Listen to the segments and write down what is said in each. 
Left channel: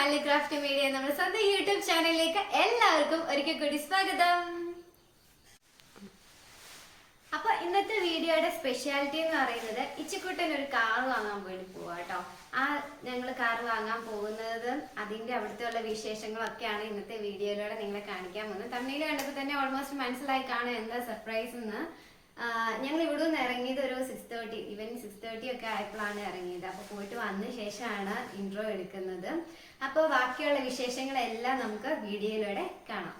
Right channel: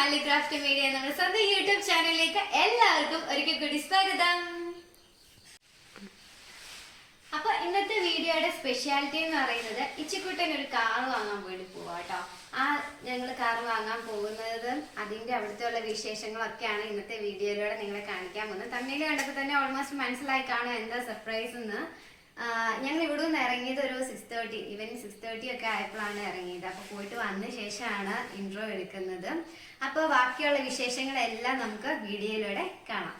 മല്ലി craft media നമ്മുടെ സ്വന്തം യൂട്യൂബ് ചാനലിലേക്ക് എല്ലാവർക്കും ഒരിക്കൽ കൂടി സ്വാഗതം. അപ്പൊ ഇന്നത്തെ വീഡിയോയുടെ സ്പെഷ്യാലിറ്റി എന്ന് പറയുന്നത് ഇച്ചിക്കുട്ടൻ ഒരു കാർ വാങ്ങാൻ വേണ്ടി പോവാ കേട്ടോ. ഞങ്ങൾ കാർ വാങ്ങാൻ പോകുന്നത് അതിന്റെ അവിടുത്തെ ഉള്ള വിശേഷങ്ങളൊക്കെയാണ് ഇന്നത്തെ വീഡിയോയിലൂടെ നിങ്ങളെ കാണിക്കാൻ പോകുന്നത്. തമ്മിൽ കണ്ടപ്പോൾ തന്നെ ഓൾമോസ്റ്റ് മനസ്സിലായി കാണും എന്താ സർപ്രൈസ് എന്ന്. ഞങ്ങൾ ഇവിടെ നിന്ന് ഇറങ്ങിയത് ഒരു 6:30 ഈവനിങ് 6:30 ഒക്കെ ആയപ്പോഴാണ് ഇറങ്ങിയത്. അപ്പോൾ പോയിട്ട് വന്ന ശേഷമാണ് ഇൻട്രോ എടുക്കുന്നത്. അപ്പോൾ ബാക്കിയുള്ള വിശേഷങ്ങളെല്ലാം നമുക്ക് വീഡിയോയിലൂടെ കാണാം.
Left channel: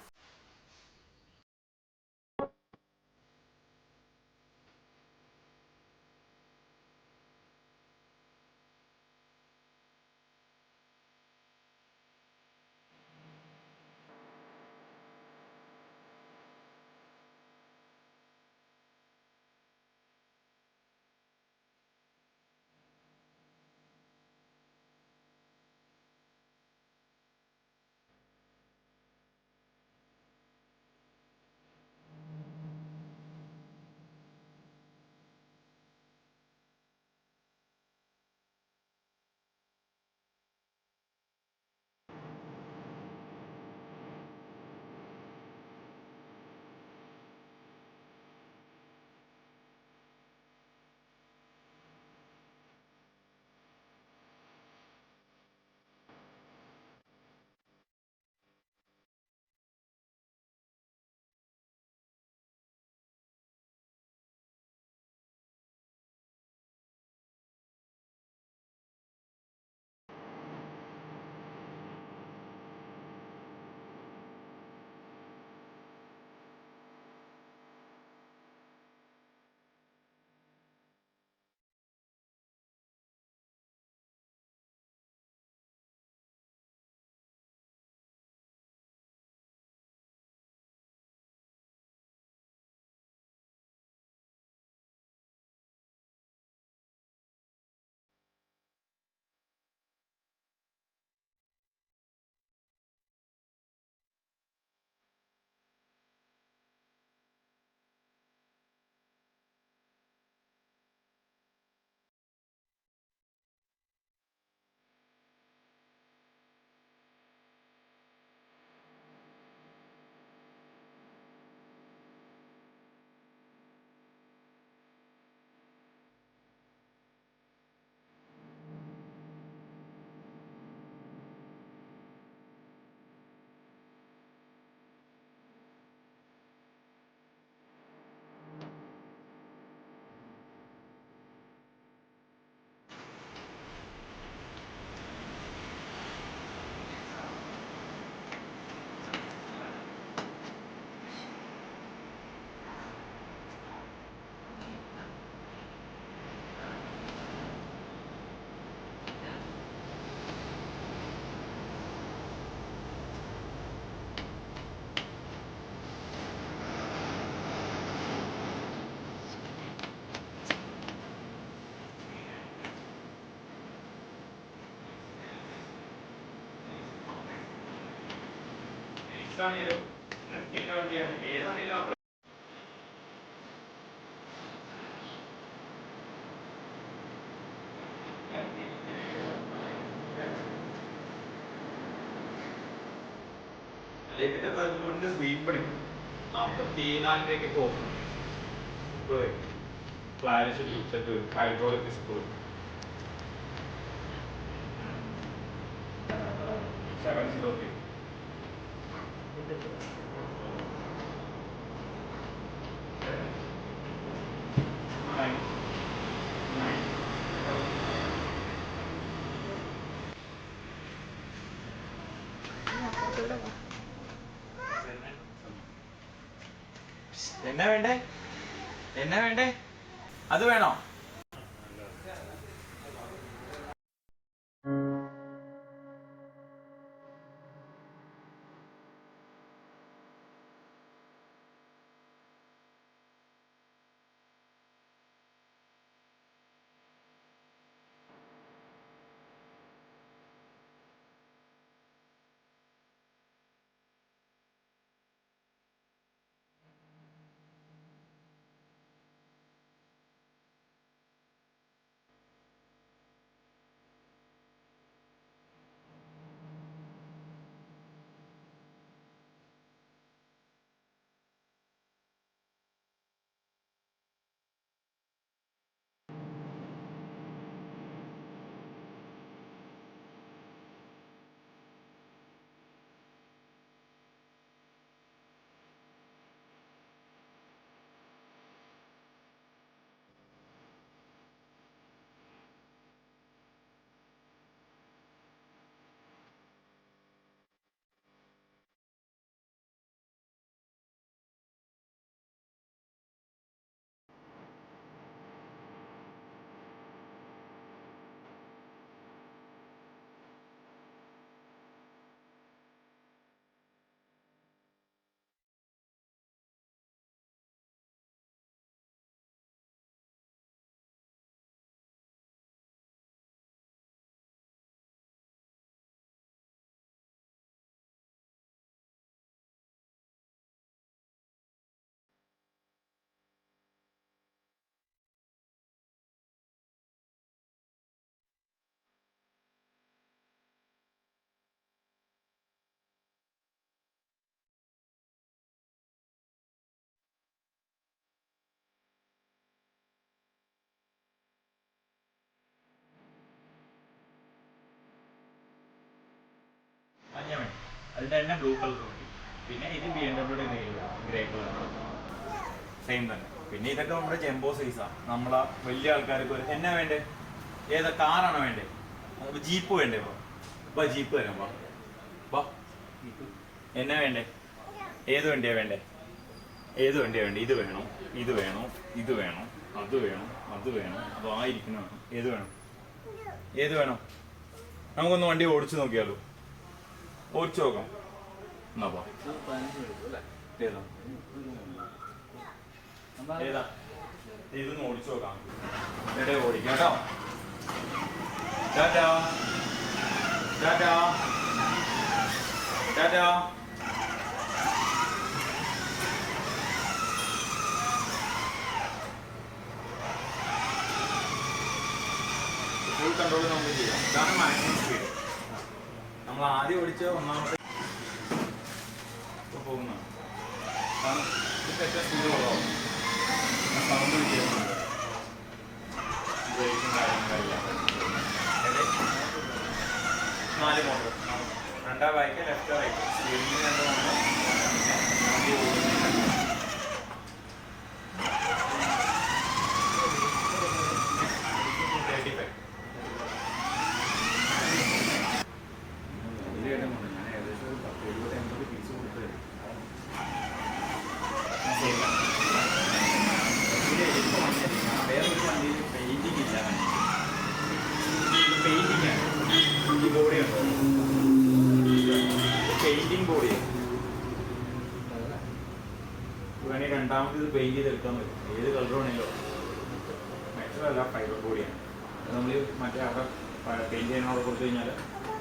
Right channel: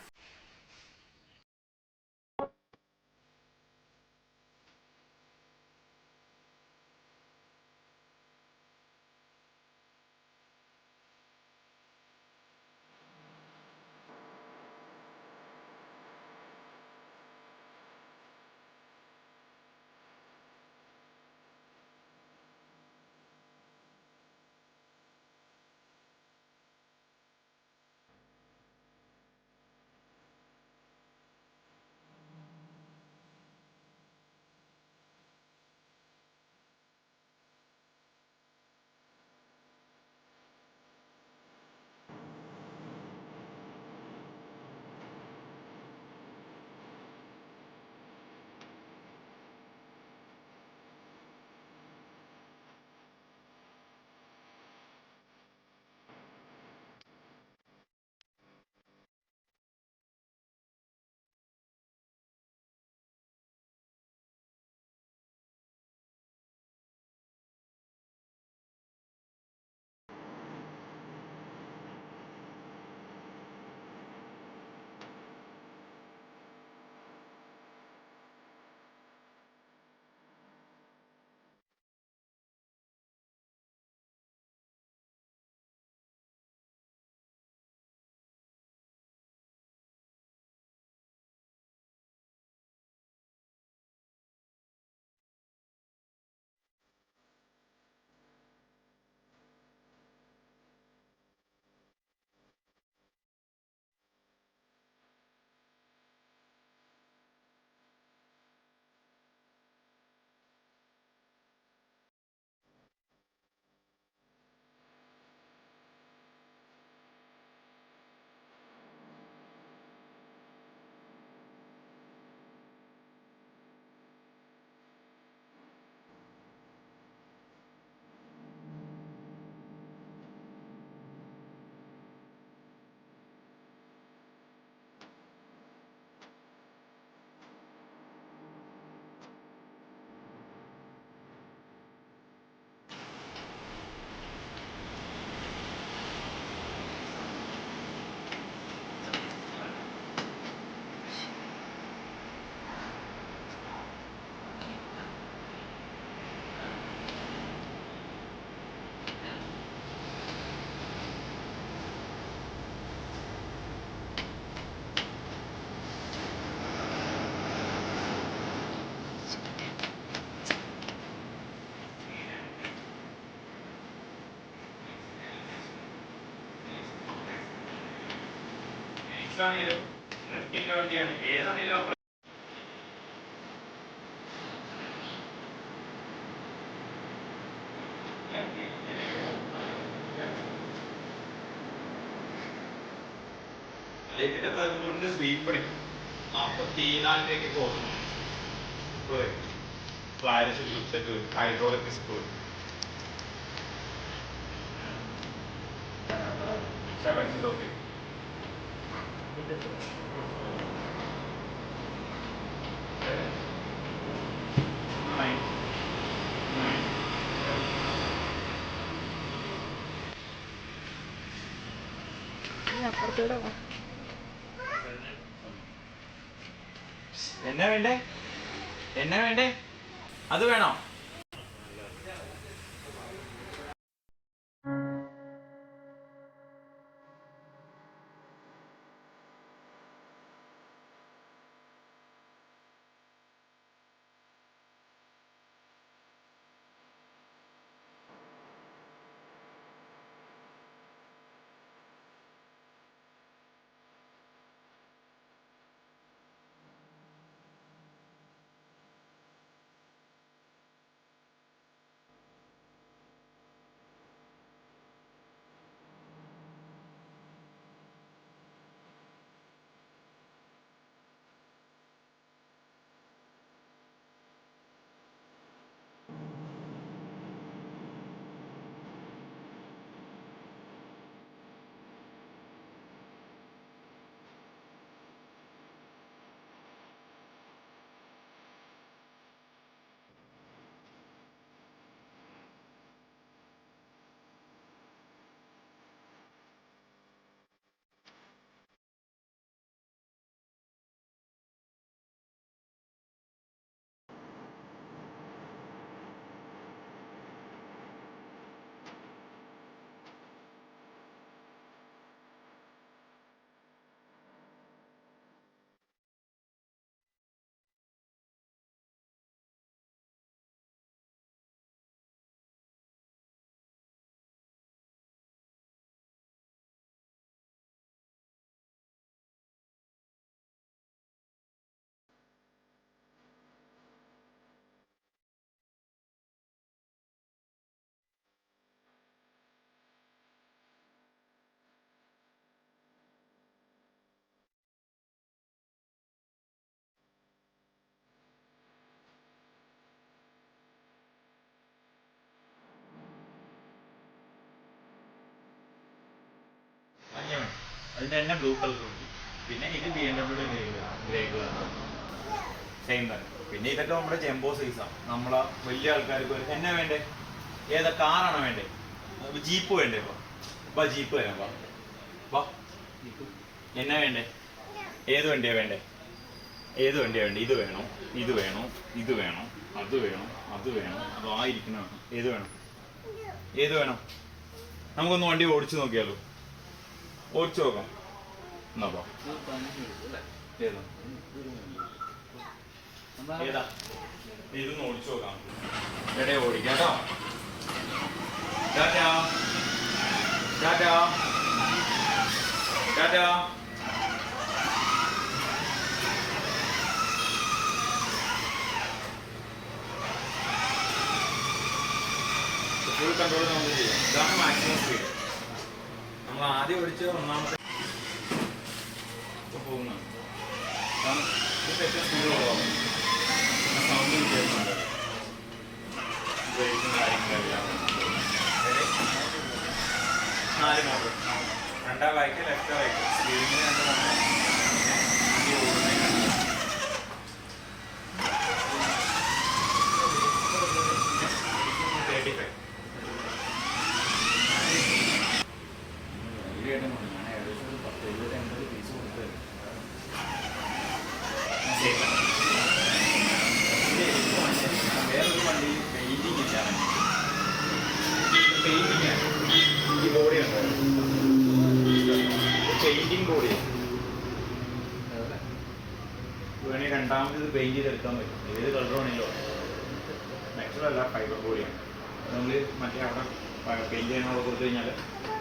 വണ്ടിയാണ് ഏതാണെങ്കിലും സ്പീഡ് പഠിക്കും 44 തോന്നുന്നു. ഹൈഡ്രോളിക് സ്കൂൾ 703 എന്നാ വേണ്ടേ അത് വേണോ? അതിൻ്റെ തന്നെ ബ്ലൂ കളർ ഉണ്ട്. പിന്നെ ഇത് BMW ഗ്രേ കളർ സെയിം തന്നെ. പിന്നെ ഇതൊക്കെ നമ്മുടെ ജംബോ സൈസാണ്. നമ്മളെ വലിയ ആൾക്കാർക്ക് എന്നാ വേണ്ടേ? ഏതാ കാറാണോ വേണ്ടേ? ജീപ്പ് വേണ്ടേ? വാ ജീപ്പ് വരാം. വാ വാ എന്നാ വേണ്ടേ? ഏത് വണ്ടിയാ വേണ്ടേ? ഏത് വണ്ടിയാ വേണ്ടേ? ഇത് വേണോ? ഇത് വേണോ? ഇത് വേണോ? അത് വേണോ? അത് വേണോ? അതോ ആയിരിക്കണ വേണം? ഏത് വേണം? ഏത് വേണം? നമുക്കൊന്ന് വണ്ടി ഓടിച്ചു നോക്കിയാലോ? ഓടിച്ചു നോക്കാം. എന്നാ വാ. ഏതാ ഏതാ? ഇതൊന്ന് ഓടിച്ചു നോക്കാം. എടേ ഓടിക്കാം കേട്ടോ. ടാറ്റാ ടാറ്റാ ടാറ്റാ. ഫുൾ കൺട്രോൾ നമുക്ക് ചെയ്യാം. ഇതാണ് മാക്സിമം സ്പീഡ്. നമ്മൾ ആദ്യം ഓടിച്ച ഒന്നാമത്തെ പോകുന്നതാണ്. കാരണം ഇത് ഏറ്റവും സ്പീഡ് കുറവാണ്. സൗണ്ട് വ്യത്യാസമുണ്ട്. ബ്രേക്കും കാര്യങ്ങളെല്ലാം 4 മോഡൽ. 2 ബൈക്ക്, ലെഫ്റ്റ് ബൈക്ക്, സ്പീഡിന് 2 മോഡൽ. വണ്ടി ഓടുന്നതിന് 35. ഞാൻ ഏകദേശം ഒരു 10, 70, 80 പീസ് കൊടുത്തത്. വേറൊരു വണ്ടിയിൽ പെയിന്റിങ് ഇല്ല. പെയിന്റിങ്ങാണ് ഈ ബോഡി ഉണ്ടോ? പെയിന്റിങ് ബോഡിയാണ്. വേണമെങ്കിൽ രണ്ടാമത് ഇത് പെയിന്റ് ചെയ്തെടുക്കാൻ പറ്റും. ഏത് കളർ വേണമെങ്കിലോ. മെറ്റലല്ല, ഫൈബർ ബോഡിയാണ്. നമ്മൾ മറ്റേ അവിടെ പെയിന്റ് ചെയ്യാനവിടെ കൊടുത്തു കഴിഞ്ഞാൽ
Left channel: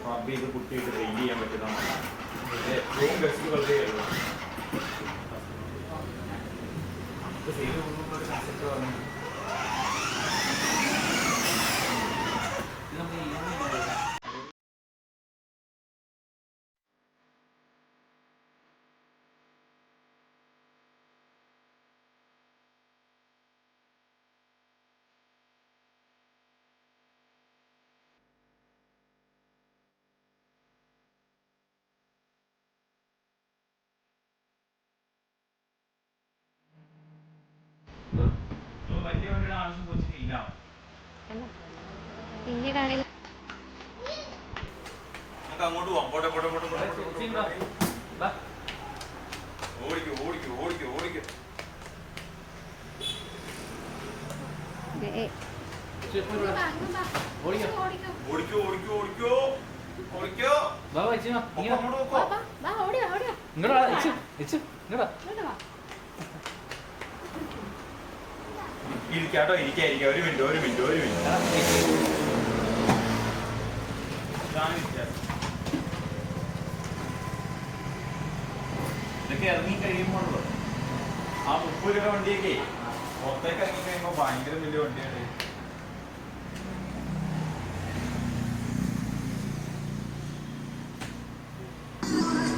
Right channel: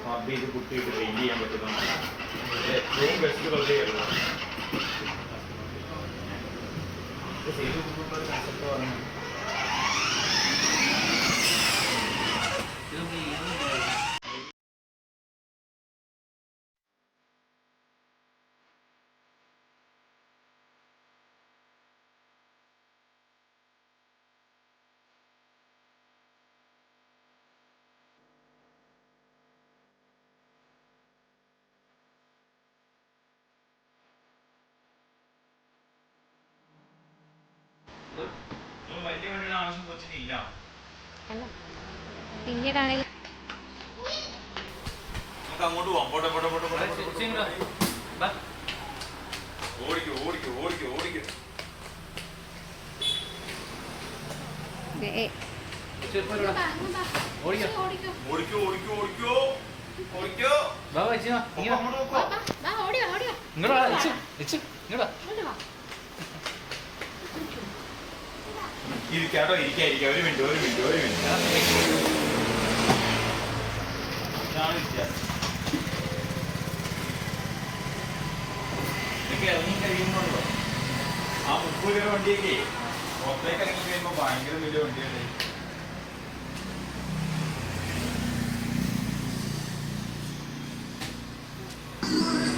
റബ്ബ് ചെയ്ത് കുട്ടിയിട്ട് പെയിന്റ് ചെയ്യാൻ പറ്റുന്നതാണ്. ഏറ്റവും ബെസ്റ്റ് കളർ ചെയ്യുള്ളൂ. നമുക്ക് ചെയ്ത് കൊടുക്കുമ്പോൾ ഒരു കൺസെപ്റ്റ് പറയുന്നത് വലിയ വണ്ടിയുടെ ആവശ്യം കൊച്ചിനില്ല. പിന്നീടാണെങ്കിൽ നമുക്ക് അങ്ങോട്ട് പോവാം. പോട്ടെ പോട്ടെ പോട്ടെ ഓടിക്കോ ഓടിക്കോ ഓടിക്കോ ഓടിക്കോ. ഓടിക്കോ ഓടിക്കോ ഓടിക്കോ ഓടിക്കോ. ഇരിക്കാട്ടോ, ഇരിക്കാം. ഒരു മിനിറ്റ് ഒരു മിനിറ്റ് ഒരു മിനിറ്റ്. ഇതാണ് വ്യത്യാസം. ഇതൊക്കെ ഇറങ്ങി കഴിയുമ്പോഴല്ലോ ആ 30 രൂപ വണ്ടിയൊക്കെ പുറത്തേക്ക് ഇറങ്ങി കഴിയുമ്പോൾ ഭയങ്കര വലിയ വണ്ടിയാണ്.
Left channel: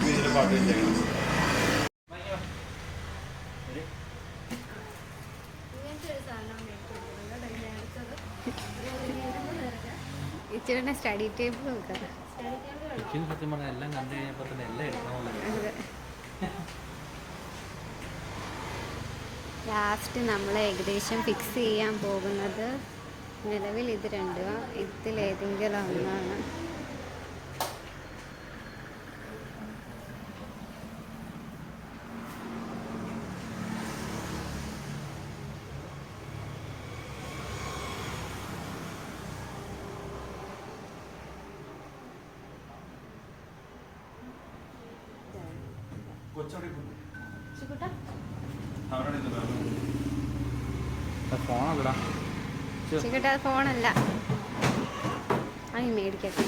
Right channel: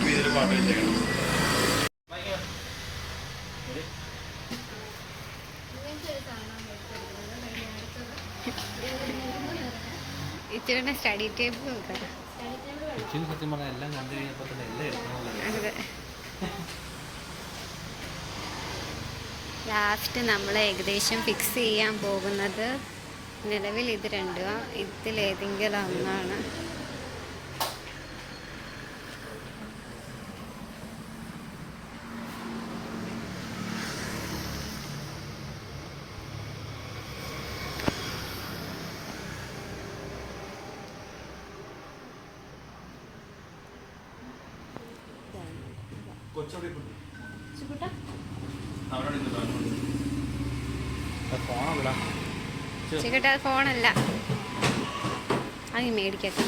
ഇതിൽ പാട്ട് വെച്ചേക്കണം. ഇച്ചിരി സ്റ്റഡി ടേബിൾ നോക്കാം. സത്യം പറഞ്ഞാൽ എല്ലാം കണ്ടു കഴിഞ്ഞപ്പോൾ തന്നെ എല്ലാം എടുക്കണമല്ലോ. ലാസ്റ്റ് നമ്മൾ ഏകദേശം ഫിക്സ് ചെയ്യാൻ പോകുന്നത് നിലവിൽ ഇത് രണ്ടും ഇതിലേതെങ്കിലും ഒന്നാണ്. ചിക്കട്ട ഫോണല്ല, അത് മേടിക്കട്ടെ.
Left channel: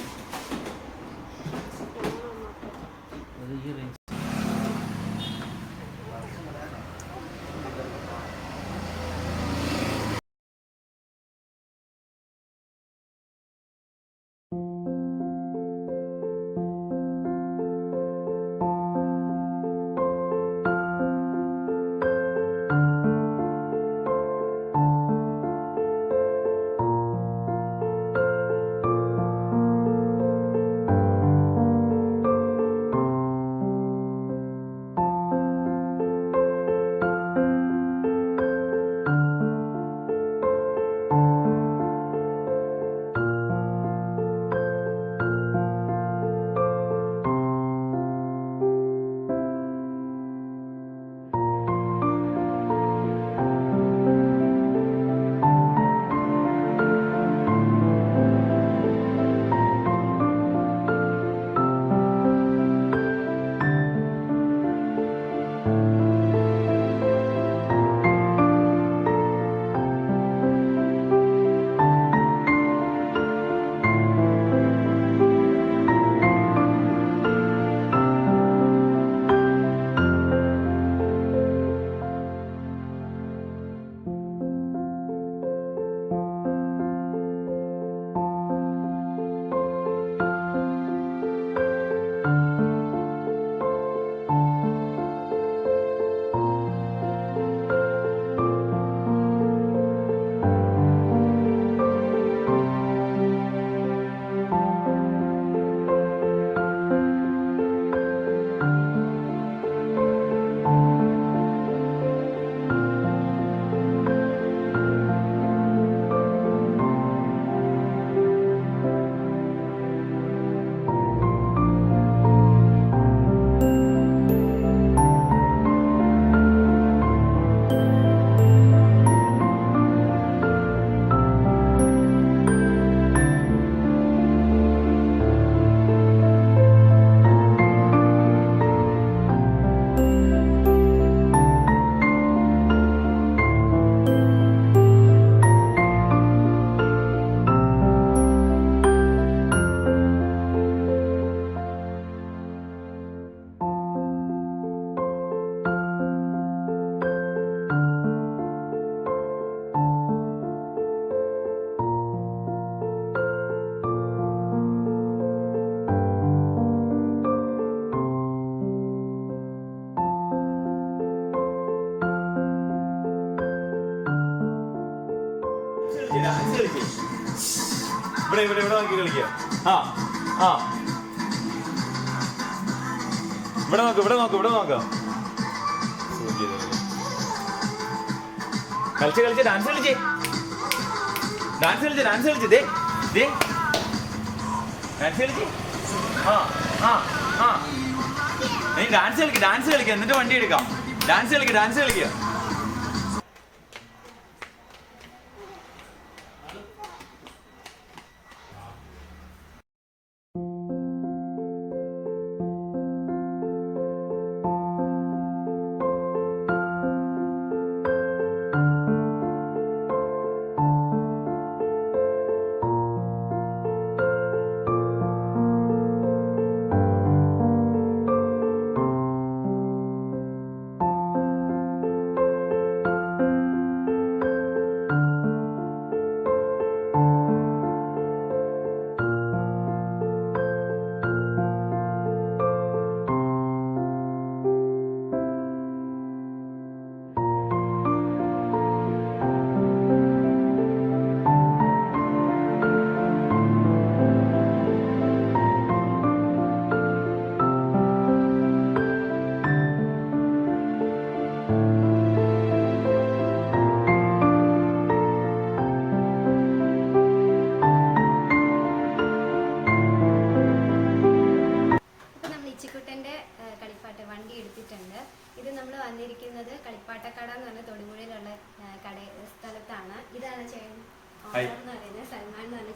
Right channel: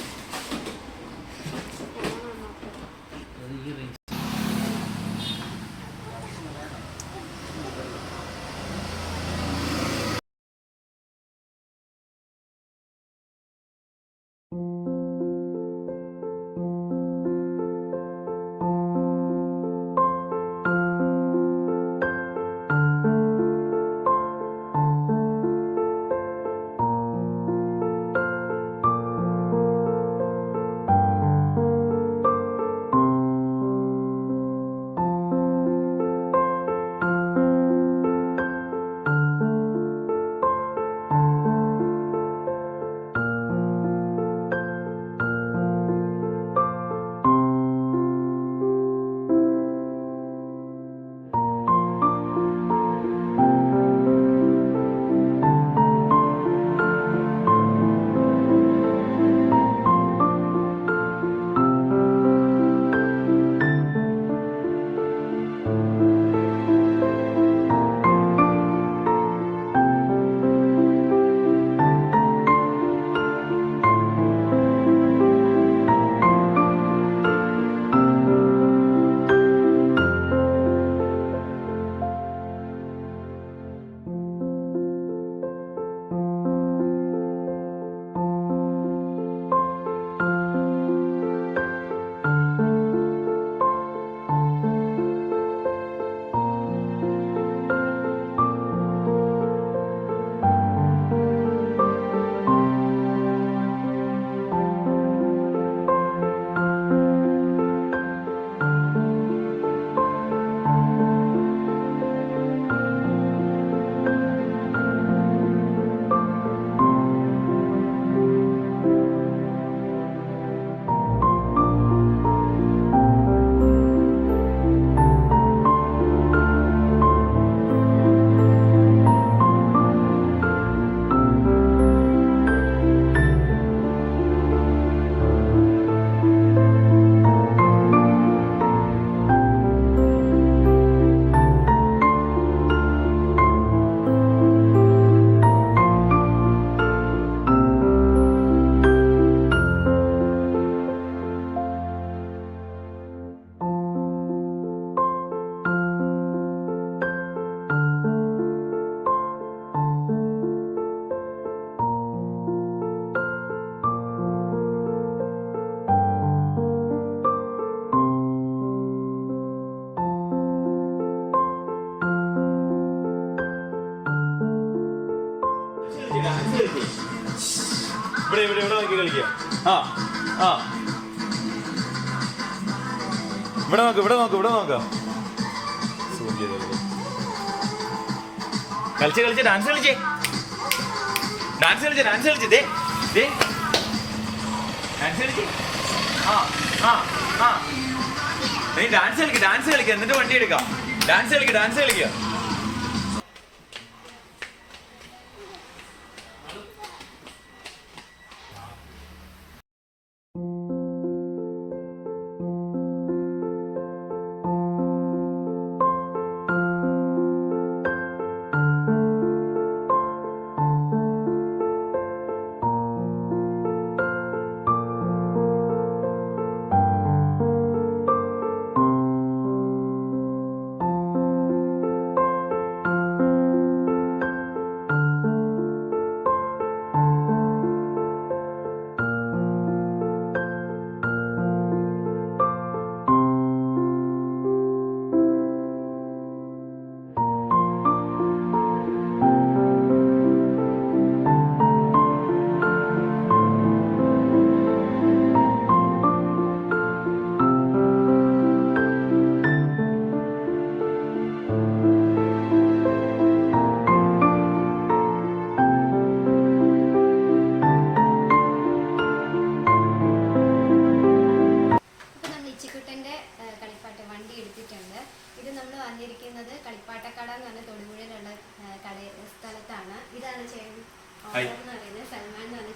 ഇവിടെ നോക്കി കളിക്കുക. ആ ആ ഇവിടെ നോക്ക് കളിച്ച് ഡാൻസ് കളിച്ച് ഡാൻസ് കളിച്ച് ദേ ഡാൻസ് കളിച്ച്. നീ ഡാൻസ് കളിക്കുക എന്നിട്ട് വണ്ടി എടുക്കാം. ഡാൻസ് കളിക്കുക. വണ്ടി എടുത്തിട്ടുണ്ട്. ഇത് നമ്മൾ വന്നിരിക്കുന്നത് കളിപ്പാട്ടക്കട എന്ന് പറഞ്ഞ തൊടുപുഴയിലുള്ള സ്ഥലത്താണ്. ഇതാണ് ചേട്ടൻ ഓണർ എന്ന് പറയുന്നത്, സൽമാൻ എന്ന് പറഞ്ഞ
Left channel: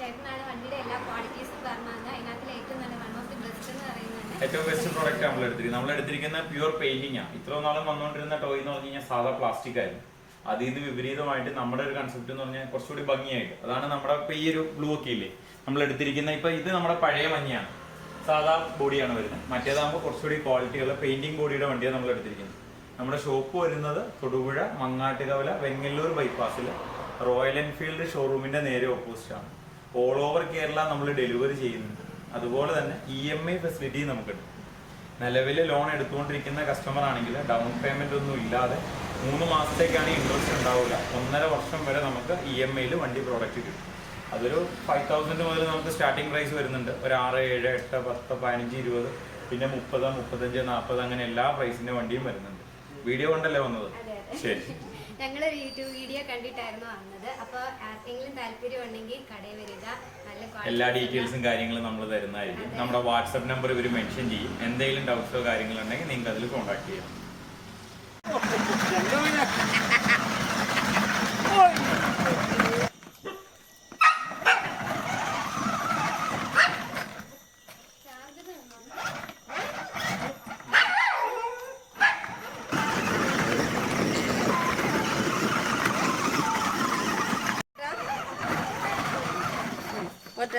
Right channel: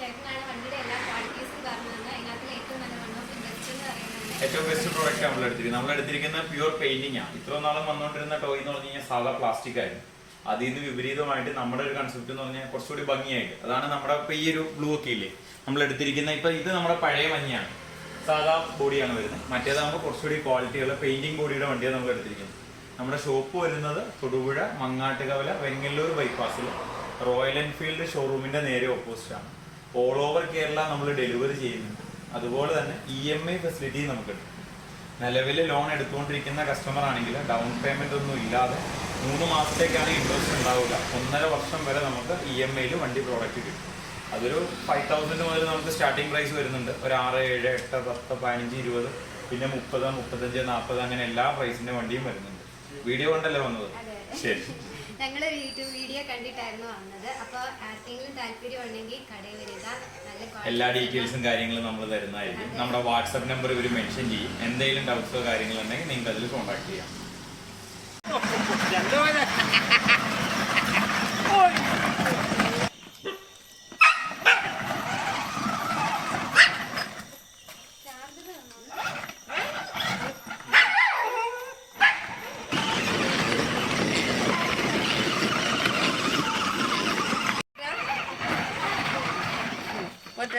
ചേട്ടനാണ് വണ്ടിയുടെ എല്ലാ ക്വാളിറ്റീസും പറഞ്ഞത്. അതിനകത്ത് ഏറ്റവും നല്ല വൺ ഓഫ് ദി ബെസ്റ്റ് എന്ന് പറയുന്നത് ഏറ്റവും ബെസ്റ്റ് പ്രോഡക്റ്റ് നമ്മൾ എടുത്തിരിക്കുന്ന പ്യൂർ പെയിന്റിംഗ് ആണ്. ഇത്രയും നാളും വന്നുകൊണ്ടിരുന്ന ടോയ് എന്ന് പറഞ്ഞു കഴിഞ്ഞാൽ സാധാ പ്ലാസ്റ്റിക് ആയിരുന്നു. അതിൽ നിന്ന് വിപരീതമായിട്ട് നമ്മുടെ ഒരു കൺസെപ്റ്റ് എന്ന് പറഞ്ഞാൽ കുറച്ചുകൂടി ഭംഗിയായിട്ട്, അതാണ് നമ്മുടെ ഇപ്പൊ ഈ ഒരു ബ്ലൂ ഒക്കെ ഇല്ലേ നമ്മൾ എടുത്തിരിക്കുന്ന. ഇപ്പൊ ഇത് നമ്മുടെ പഴയ മഞ്ഞയാണ്, സാധാ ബോഡിയാണ് വരുന്നത്. മറ്റേതാകുമ്പോൾ കുറച്ചുകൂടി ക്വാളിറ്റിയുള്ള പെയിന്റിംഗ് ബോഡിയുടെ വണ്ടിയാണ് നമ്മൾ എടുത്തിരിക്കുന്നത്. നമ്മുടെ ഷോപ്പ് വരുന്നത് തൊടുപുഴ മങ്ങാട്ടുകവല വെങ്ങല്ലൂർ ബൈപ്പാസിൽ റോയൽ എൻഫീൽഡ് ഷോറൂമിന്റെ നേരെ ഓപ്പോസിറ്റ് ആണ്. ഓൾ ഓവർ കേരള നമ്മൾ ഡെലിവറി ചെയ്യുന്നുണ്ട്. അതുപോലെ തന്നെ EMI ഫെസിലിറ്റി നമുക്കുണ്ട്. നിലവിൽ ലോൺ എടുത്തുകൊണ്ടിരിക്കുന്ന കസ്റ്റമർ ആണെങ്കിൽ ഡൗൺ പേയ്മെന്റ് ഒന്നും ഇല്ലാതെ 3 മാസത്തേക്കാണ് ഇൻട്രസ്റ്റ് ഉണ്ടാവില്ല. 1.5 വർഷം വരെ നമുക്ക് EMIയിൽ വണ്ടി പ്രോഡക്റ്റ് കിട്ടും. അതൊരു 5,000 മുതൽ നമുക്ക് സ്റ്റാർട്ടിംഗ് പ്രൈസ് വരുന്നുണ്ട്. ഒരു 6, 7, 8, 10, 15, 20, പിന്നെ 30, 35, 40 അങ്ങനെ എല്ലാ പ്രൈസിന്റെ വണ്ടിയും വരുന്നുണ്ട്. വീഡിയോ കൊണ്ടല്ലേ വന്നത്? ശരി. ഞങ്ങൾ യൂട്യൂബ് വീഡിയോ കണ്ടിട്ടായിരുന്നു വന്നത്. അപ്പോൾ ആർക്കെങ്കിലും താല്പര്യം ഉണ്ടെങ്കിൽ കടയിൽ വരിക. എല്ലാ ഡീറ്റെയിൽസും കാര്യങ്ങളും നമ്മൾ തരുന്നതായിരിക്കും. നമ്മുടെ വാട്സാപ്പ് നമ്പർ ഇവർ മെൻഷൻ ചെയ്യും. എന്തെങ്കിലും ഡൗട്ട്സോ കാര്യങ്ങളോ ഉണ്ടെങ്കിൽ നിങ്ങൾക്ക് അതിൽ കോൺടാക്ട് ചെയ്യാം. What